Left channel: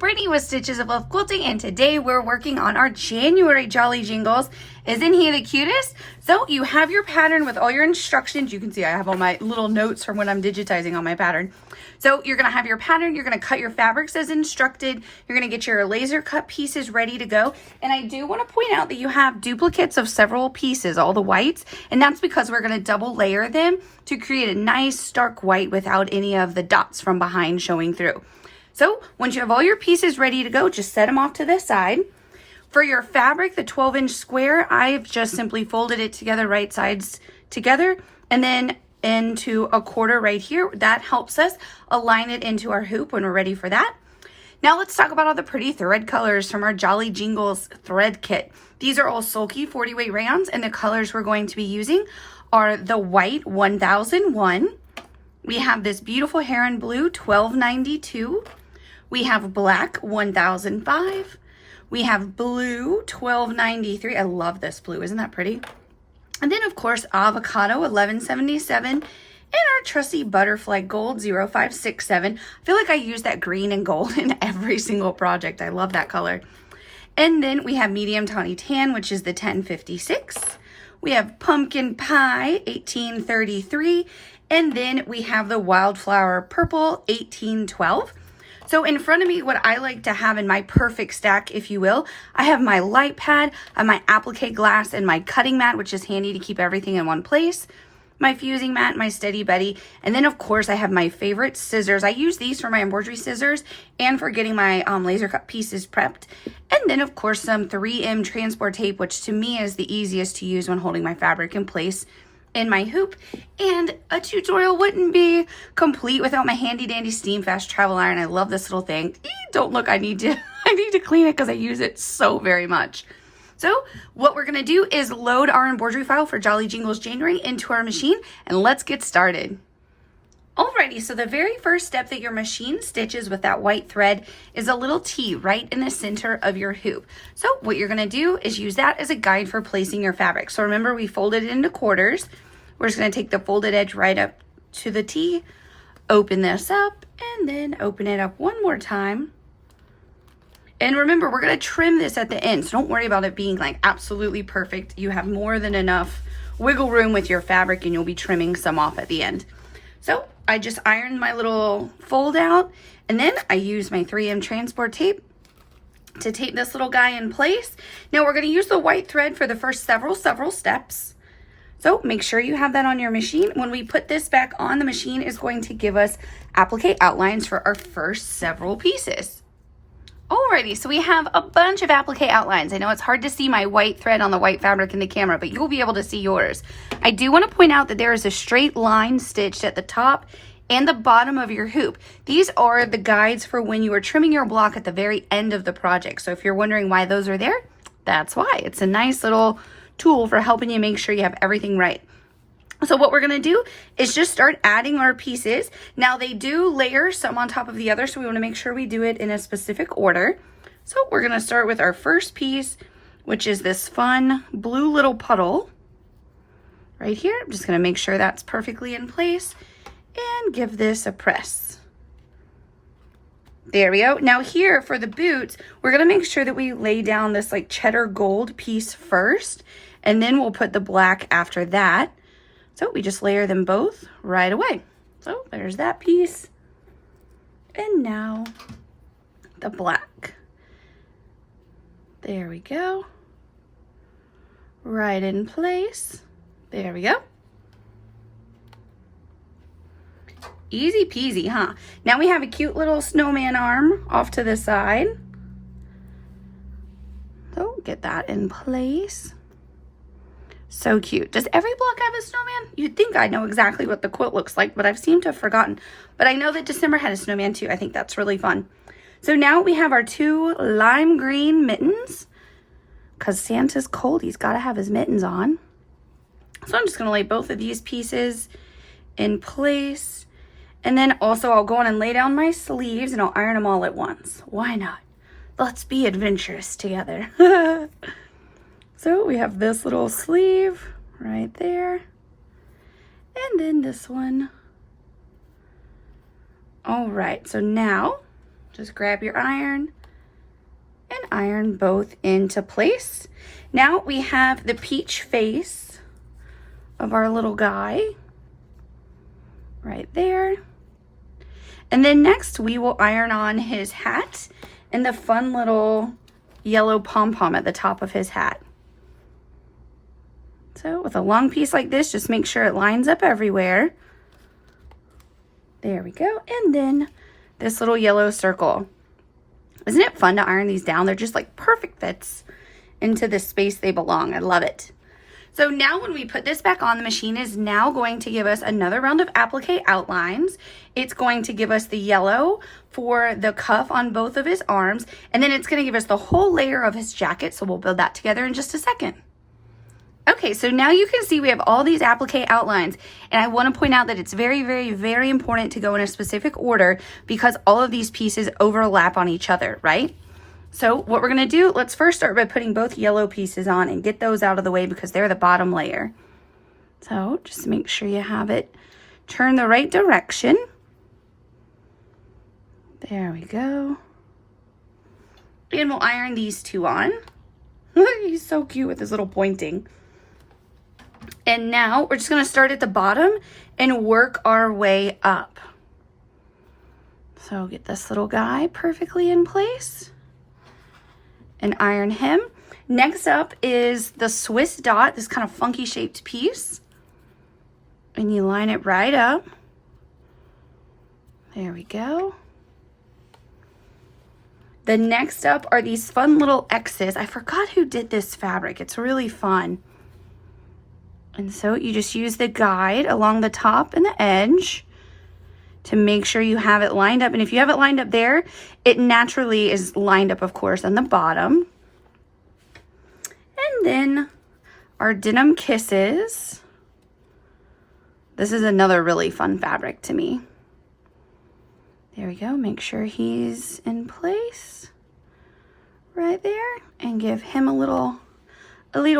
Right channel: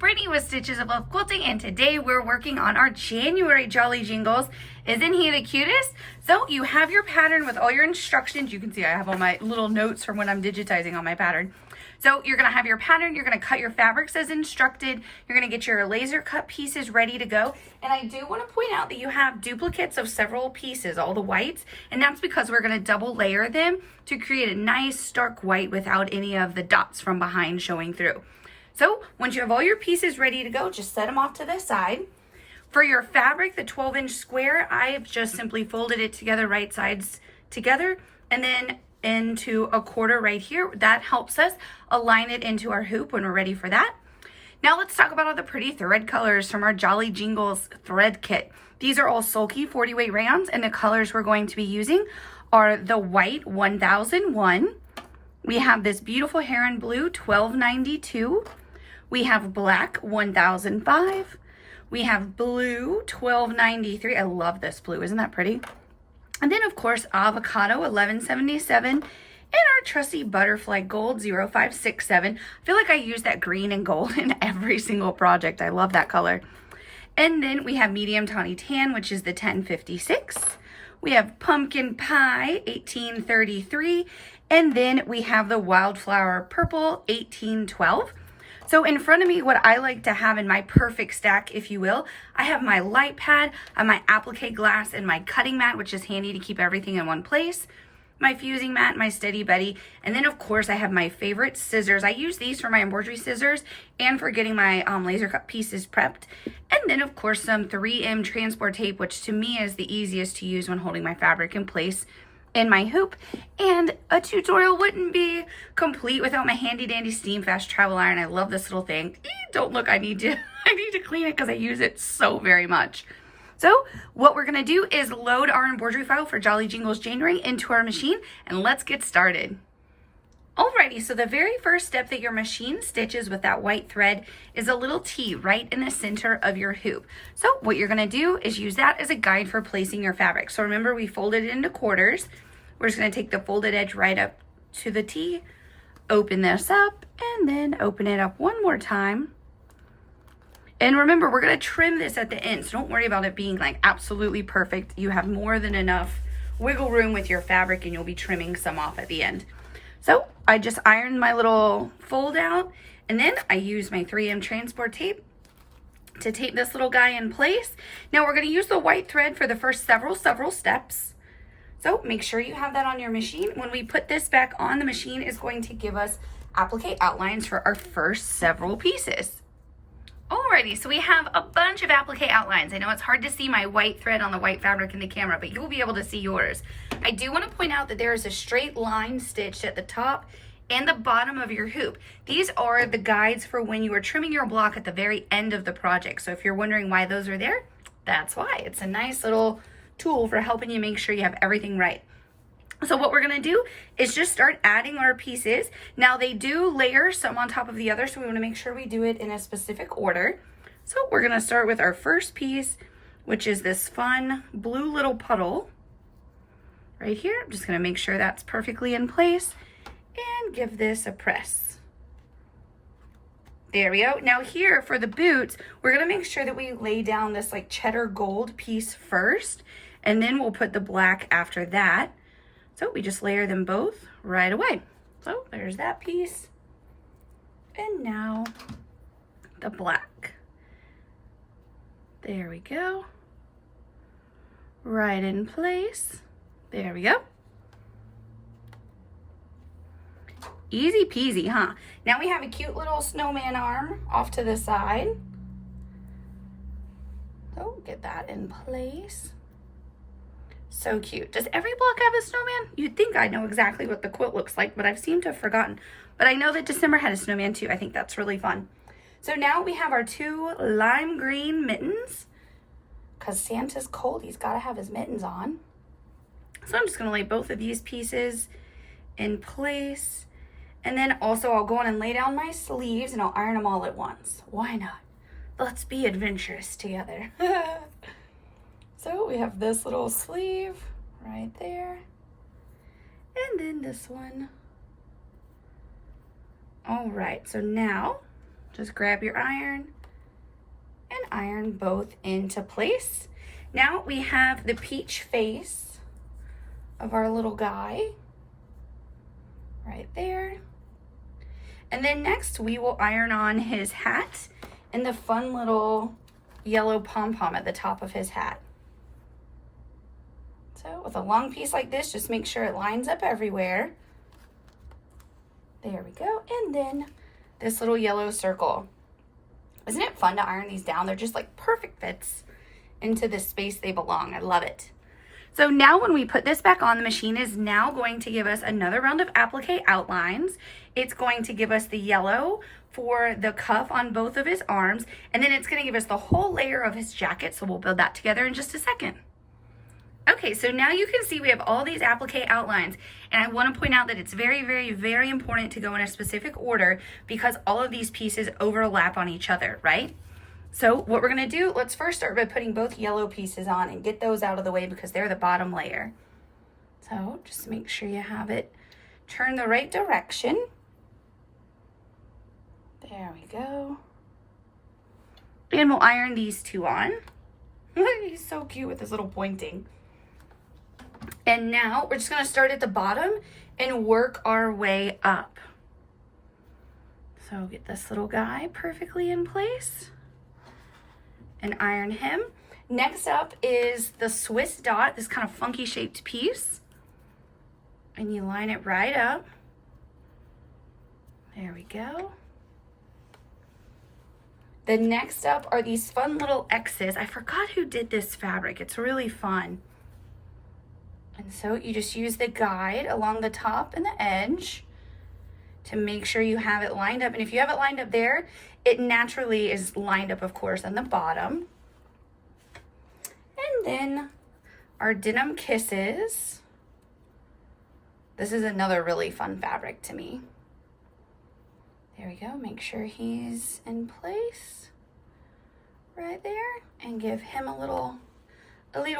Brittany with Stitches of Love Quilting, and today we're working on our January Jolly Jingles. Isn't he the cutest? So you have your pattern with all your instructions. You can see I have all my little notes from when I'm digitizing on my pattern. So you're gonna have your pattern, you're gonna cut your fabrics as instructed, you're gonna get your laser cut pieces ready to go. And I do wanna point out that you have duplicates of several pieces, all the whites, and that's because we're gonna double layer them to create a nice stark white without any of the dots from behind showing through. So once you have all your pieces ready to go, just set them off to the side. For your fabric, the 12-inch square, I've just simply folded it together, right sides together, and then into a quarter right here. That helps us align it into our hoop when we're ready for that. Now let's talk about all the pretty thread colors from our Jolly Jingles thread kit. These are all sulky 40 weight rayons, and the colors we're going to be using are the white 1001. We have this beautiful heron blue 1292. We have black 1005. We have blue 1293. I love this blue. Isn't that pretty? And then, of course, avocado 1177 and our trusty butterfly gold 0567. I feel like I use that green and gold in every single project. I love that color. And then we have medium tawny tan, which is the 1056. We have pumpkin pie 1833. And then we have the wildflower purple 1812. So in front of me, what I like to have in my perfect stack, if you will, I have my light pad, I have my applique glass, and my cutting mat, which is handy to keep everything in one place, my fusing mat, my Steady Betty, and then of course I have my favorite scissors. I use these for my embroidery scissors and for getting my laser cut pieces prepped. And then of course some 3M transport tape, which to me is the easiest to use when holding my fabric in place in my hoop. And a tutorial wouldn't be complete without my handy dandy steam fast travel iron. I love this little thing. Don't look, I need to clean it because I use it so very much. So what we're gonna do is load our embroidery file for Jolly Jingles January into our machine, and let's get started. Alrighty, so the very first step that your machine stitches with that white thread is a little T right in the center of your hoop. So what you're gonna do is use that as a guide for placing your fabric. So remember, we folded it into quarters. We're just gonna take the folded edge right up to the T, open this up, and then open it up one more time. And remember, we're gonna trim this at the end, so don't worry about it being like absolutely perfect. You have more than enough wiggle room with your fabric, and you'll be trimming some off at the end. So I just ironed my little fold out, and then I use my 3M transport tape to tape this little guy in place. Now we're gonna use the white thread for the first several steps. So make sure you have that on your machine. When we put this back on, the machine is going to give us applique outlines for our first several pieces. Alrighty, so we have a bunch of applique outlines. I know it's hard to see my white thread on the white fabric in the camera, but you'll be able to see yours. I do want to point out that there is a straight line stitched at the top and the bottom of your hoop. These are the guides for when you are trimming your block at the very end of the project. So if you're wondering why those are there, that's why. It's a nice little tool for helping you make sure you have everything right. So what we're gonna do is just start adding our pieces. Now they do layer some on top of the other, so we wanna make sure we do it in a specific order. So we're gonna start with our first piece, which is this fun blue little puddle right here. I'm just gonna make sure that's perfectly in place and give this a press. There we go. Now here for the boots, we're gonna make sure that we lay down this like cheddar gold piece first, and then we'll put the black after that. So we just layer them both right away. So there's that piece. And now the black. There we go. Right in place. There we go. Easy peasy, huh? Now we have a cute little snowman arm off to the side. So get that in place. So cute. Does every block have a snowman? You'd think I know exactly what the quilt looks like, but I've seemed to have forgotten. But I know that December had a snowman too. I think that's really fun. So now we have our two lime green mittens, because Santa's cold. He's got to have his mittens on. So I'm just going to lay both of these pieces in place. And then also I'll go on and lay down my sleeves, and I'll iron them all at once. Why not? Let's be adventurous together. So we have this little sleeve right there, and then this one. All right, so now Just grab your iron and iron both into place. Now we have the peach face of our little guy right there. And then next we will iron on his hat and the fun little yellow pom-pom at the top of his hat. So with a long piece like this, just make sure it lines up everywhere. There we go. And then this little yellow circle. Isn't it fun to iron these down? They're just like perfect fits into the space they belong. I love it. So now when we put this back on, the machine is now going to give us another round of applique outlines. It's going to give us the yellow for the cuff on both of his arms, and then it's going to give us the whole layer of his jacket. So we'll build that together in just a second. Okay, so now you can see we have all these applique outlines, and I want to point out that it's very, very, very important to go in a specific order because all of these pieces overlap on each other, right? So what we're going to do, let's first start by putting both yellow pieces on and get those out of the way because they're the bottom layer. So just make sure you have it turn the right direction. There we go. And we'll iron these two on. He's so cute with his little pointing. And now we're just going to start at the bottom and work our way up. So get this little guy perfectly in place and iron him. Next up is the Swiss dot, this kind of funky shaped piece. And you line it right up. There we go. The next up are these fun little X's. I forgot who did this fabric. It's really fun. And so you just use the guide along the top and the edge to make sure you have it lined up. And if you have it lined up there, it naturally is lined up, of course, on the bottom. And then our denim kisses. This is another really fun fabric to me. There we go. Make sure he's in place right there and give him a little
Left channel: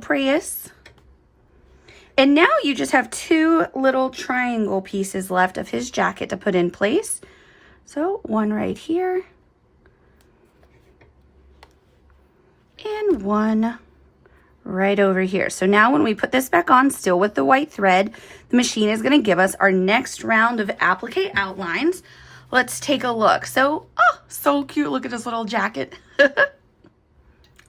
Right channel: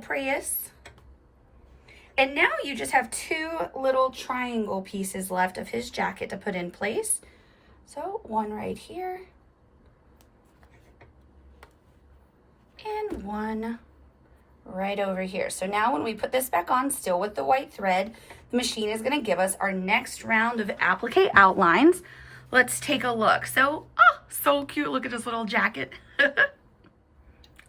press. And now you just have two little triangle pieces left of his jacket to put in place. So one right here and one right over here. So now when we put this back on, still with the white thread, the machine is going to give us our next round of applique outlines. Let's take a look. So, oh, so cute. Look at this little jacket.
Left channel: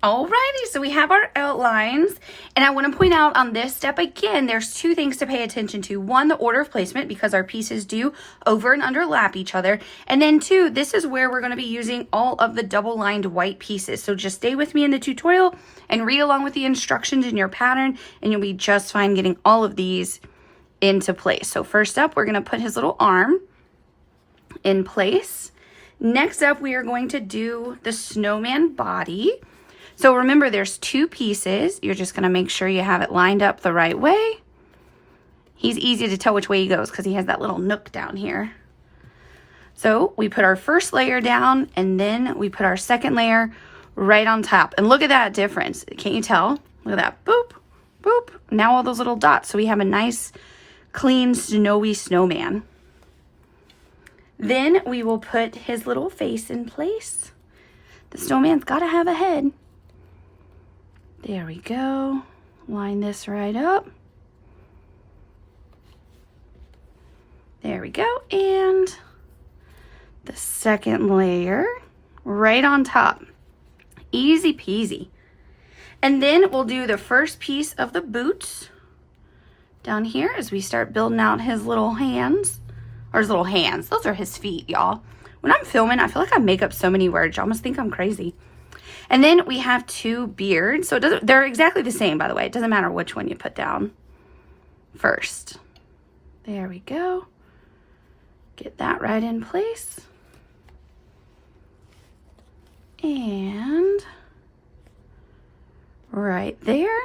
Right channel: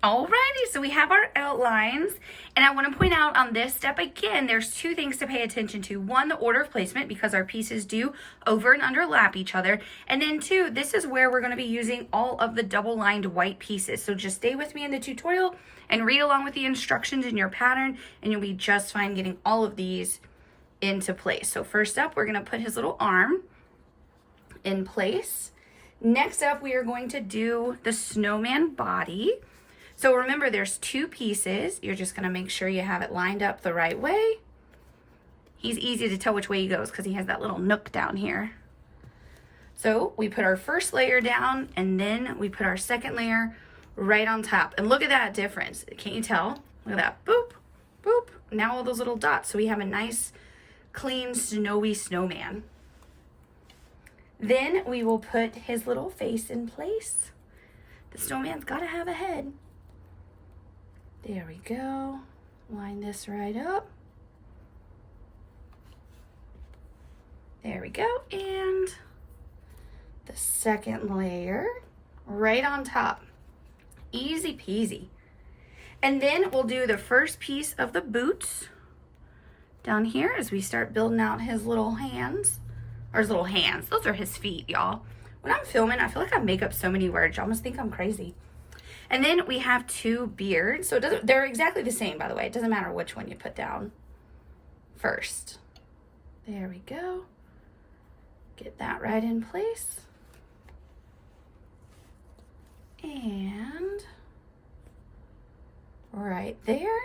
Alrighty, so we have our outlines, and I want to point out on this step again, there's two things to pay attention to. One, the order of placement, because our pieces do over and underlap each other. And then two, this is where we're going to be using all of the double-lined white pieces. So just stay with me in the tutorial and read along with the instructions in your pattern, and you'll be just fine getting all of these into place. So first up, we're going to put his little arm in place. Next up, we are going to do the snowman body. So remember, there's two pieces. You're just going to make sure you have it lined up the right way. He's easy to tell which way he goes because he has that little nook down here. So we put our first layer down, and then we put our second layer right on top. And look at that difference. Can't you tell? Look at that. Boop, boop. Now all those little dots. So we have a nice, clean, snowy snowman. Then we will put his little face in place. The snowman's got to have a head. There we go. Line this right up. There we go. And the second layer right on top. Easy peasy. And then we'll do the first piece of the boots down here as we start building out his little hands. Or his little hands. Those are his feet, y'all. When I'm filming, I feel like I make up so many words. You almost think I'm crazy. And then we have two beards. So they're exactly the same, by the way. It doesn't matter which one you put down first. There we go. Get that right in place. And right there.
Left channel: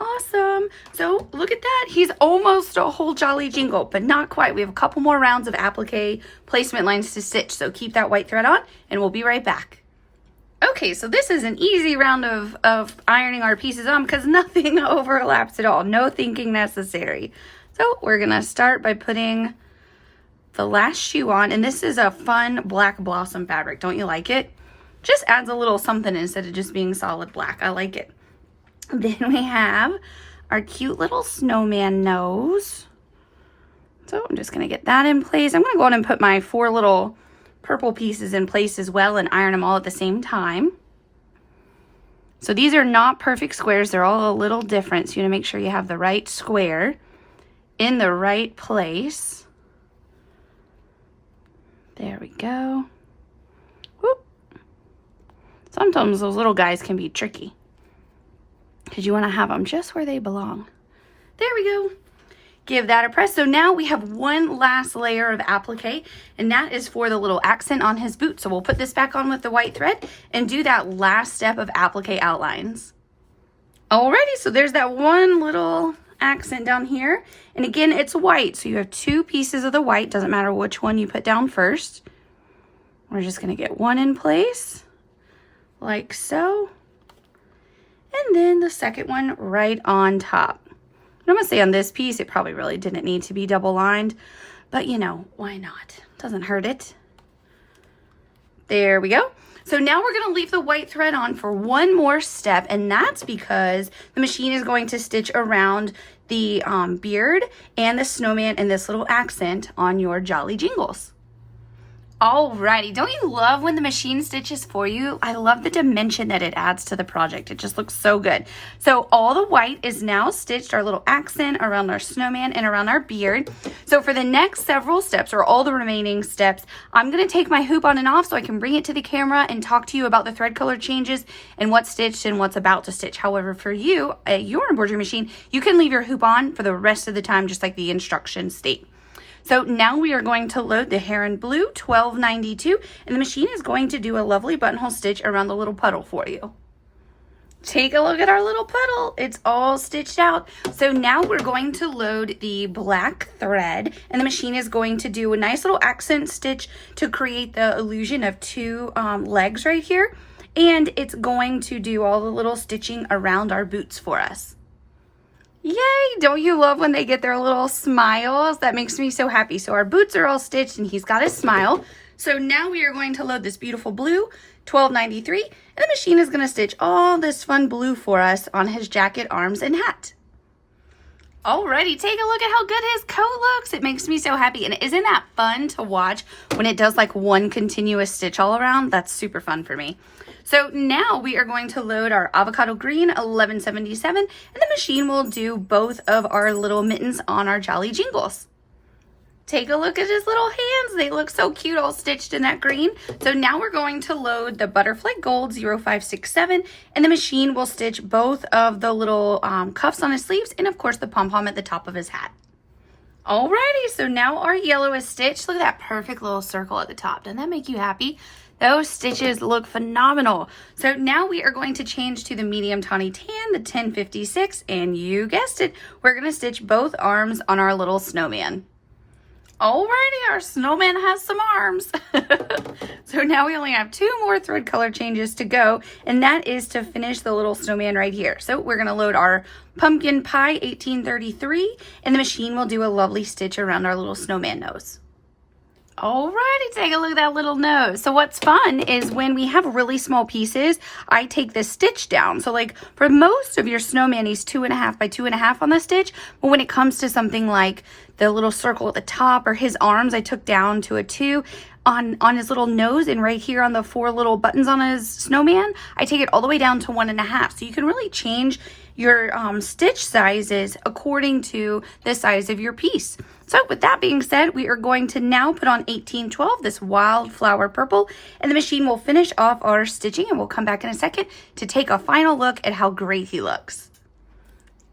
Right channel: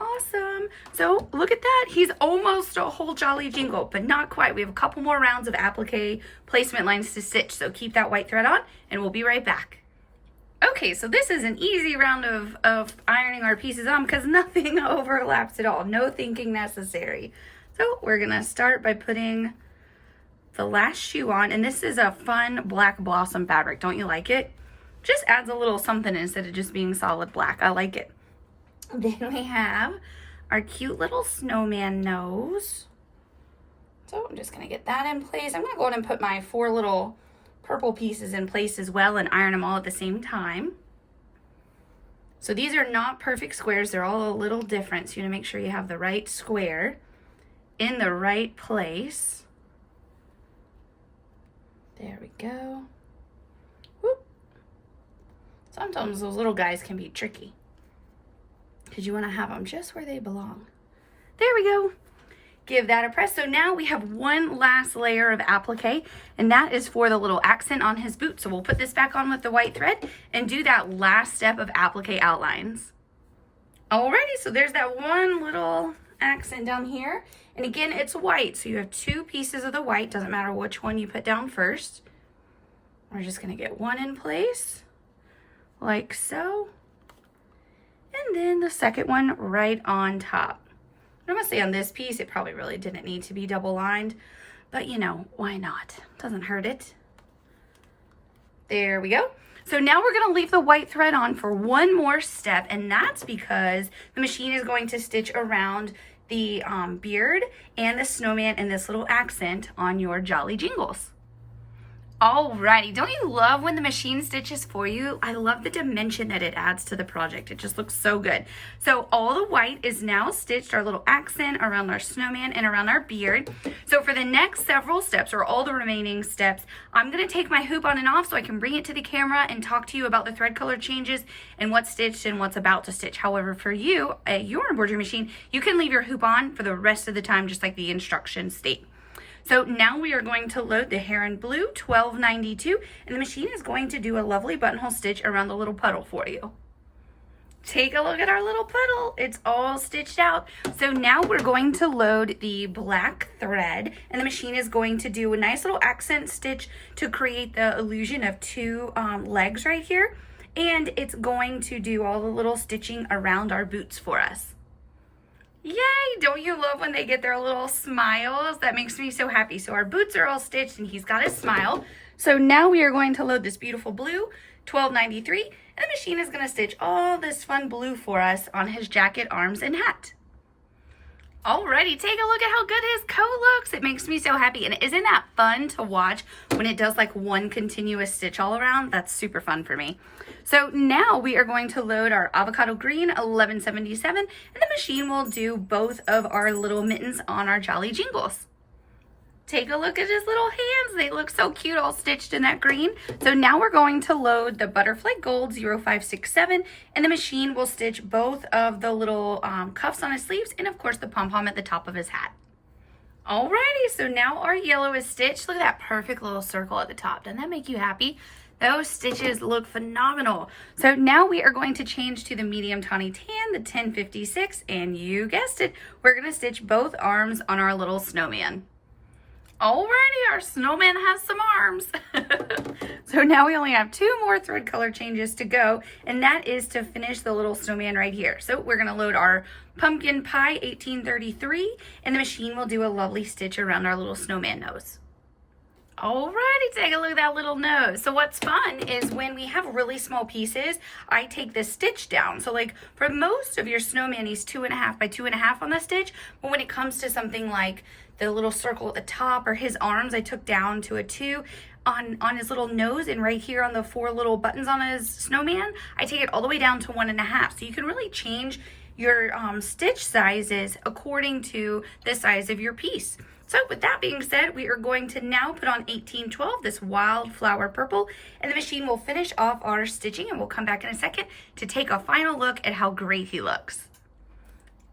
Awesome. So look at that. He's almost a whole jolly jingle, but not quite. We have a couple more rounds of applique placement lines to stitch. So keep that white thread on and we'll be right back. Okay, so this is an easy round of ironing our pieces on because nothing overlaps at all. No thinking necessary. So we're going to start by putting the last shoe on, and this is a fun black blossom fabric. Don't you like it? Just adds a little something instead of just being solid black. I like it. Then we have our cute little snowman nose. So I'm just gonna get that in place. I'm gonna go ahead and put my 4 little purple pieces in place as well and iron them all at the same time. So these are not perfect squares. They're all a little different. So you wanna make sure you have the right square in the right place. There we go. Whoop. Sometimes those little guys can be tricky because you want to have them just where they belong. There we go. Give that a press. So now we have one last layer of applique, and that is for the little accent on his boot. So we'll put this back on with the white thread and do that last step of applique outlines. Alrighty, so there's that one little accent down here. And again, it's white. So you have 2 pieces of the white. Doesn't matter which one you put down first. We're just going to get one in place like so. And then the second one right on top. I'm going to say on this piece, it probably really didn't need to be double lined, but you know, why not? Doesn't hurt it. There we go. So now we're going to leave the white thread on for one more step, and that's because the machine is going to stitch around the beard and the snowman and this little accent on your Jolly Jingles. Alrighty, don't you love when the machine stitches for you? I love the dimension that it adds to the project. It just looks so good. So all the white is now stitched, our little accent around our snowman and around our beard. So for the next several steps, or all the remaining steps, I'm gonna take my hoop on and off so I can bring it to the camera and talk to you about the thread color changes and what's stitched and what's about to stitch. However, for you, at your embroidery machine, you can leave your hoop on for the rest of the time, just like the instructions state. So now we are going to load the Heron Blue 1292, and the machine is going to do a lovely buttonhole stitch around the little puddle for you. Take a look at our little puddle. It's all stitched out. So now we're going to load the black thread, and the machine is going to do a nice little accent stitch to create the illusion of 2 legs right here. And it's going to do all the little stitching around our boots for us. Yay! Don't you love when they get their little smiles? That makes me so happy. So our boots are all stitched and he's got his smile. So now we are going to load this beautiful blue 1293, and the machine is going to stitch all this fun blue for us on his jacket, arms, and hat. Alrighty, take a look at how good his coat looks. It makes me so happy. And isn't that fun to watch when it does like one continuous stitch all around? That's super fun for me. So now we are going to load our avocado green 1177, and the machine will do both of our little mittens on our Jolly Jingles. Take a look at his little hands. They look so cute, all stitched in that green. So now we're going to load the Butterfly Gold 0567, and the machine will stitch both of the little cuffs on his sleeves and of course the pom-pom at the top of his hat. Alrighty, so now our yellow is stitched. Look at that perfect little circle at the top. Doesn't that make you happy? Those stitches look phenomenal. So now we are going to change to the medium tawny tan, the 1056, and you guessed it, we're going to stitch both arms on our little snowman. Alrighty, our snowman has some arms. So now we only have 2 more thread color changes to go, and that is to finish the little snowman right here. So we're going to load our pumpkin pie 1833, and the machine will do a lovely stitch around our little snowman nose. Alrighty, take a look at that little nose. So what's fun is when we have really small pieces, I take the stitch down. So like for most of your snowman, he's 2.5 by 2.5 on the stitch. But when it comes to something like the little circle at the top or his arms, I took down to a 2. On his little nose, and right here on the 4 little buttons on his snowman, I take it all the way down to 1.5. So you can really change your stitch sizes according to the size of your piece. So with that being said, we are going to now put on 1812, this wildflower purple, and the machine will finish off our stitching, and we'll come back in a second to take a final look at how great he looks.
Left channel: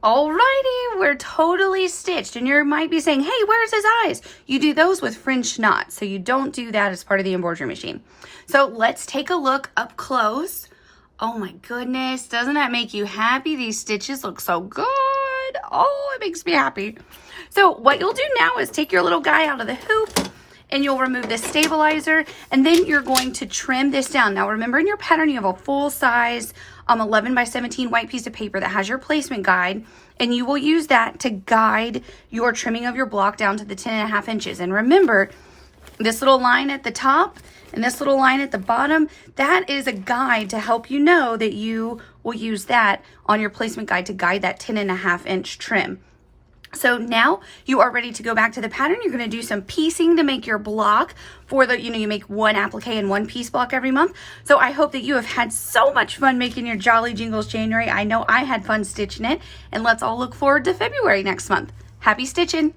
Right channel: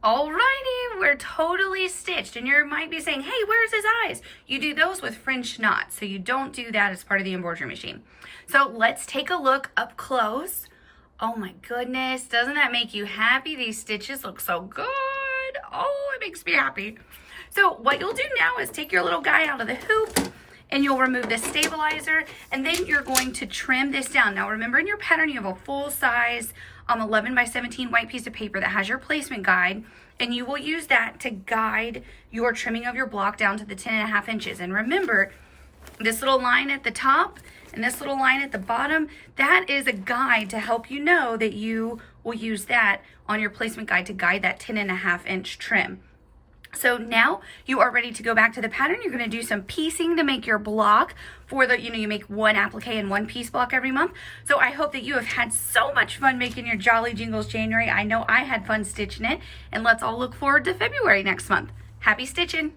Alrighty, we're totally stitched, and you might be saying, hey, where's his eyes? You do those with French knots, so you don't do that as part of the embroidery machine. So let's take a look up close. Oh my goodness, doesn't that make you happy? These stitches look so good. Oh, it makes me happy. So what you'll do now is take your little guy out of the hoop, and you'll remove the stabilizer, and then you're going to trim this down. Now remember, in your pattern you have a full size 11 by 17 white piece of paper that has your placement guide, and you will use that to guide your trimming of your block down to the 10.5 inches. And remember, This little line at the top and this little line at the bottom, that is a guide to help you know that you will use that on your placement guide to guide that 10.5-inch trim. So now you are ready to go back to the pattern. You're going to do some piecing to make your block for the, you make one applique and one piece block every month. So I hope that you have had so much fun making your Jolly Jingles January. I know I had fun stitching it, and let's all look forward to February next month. Happy stitching!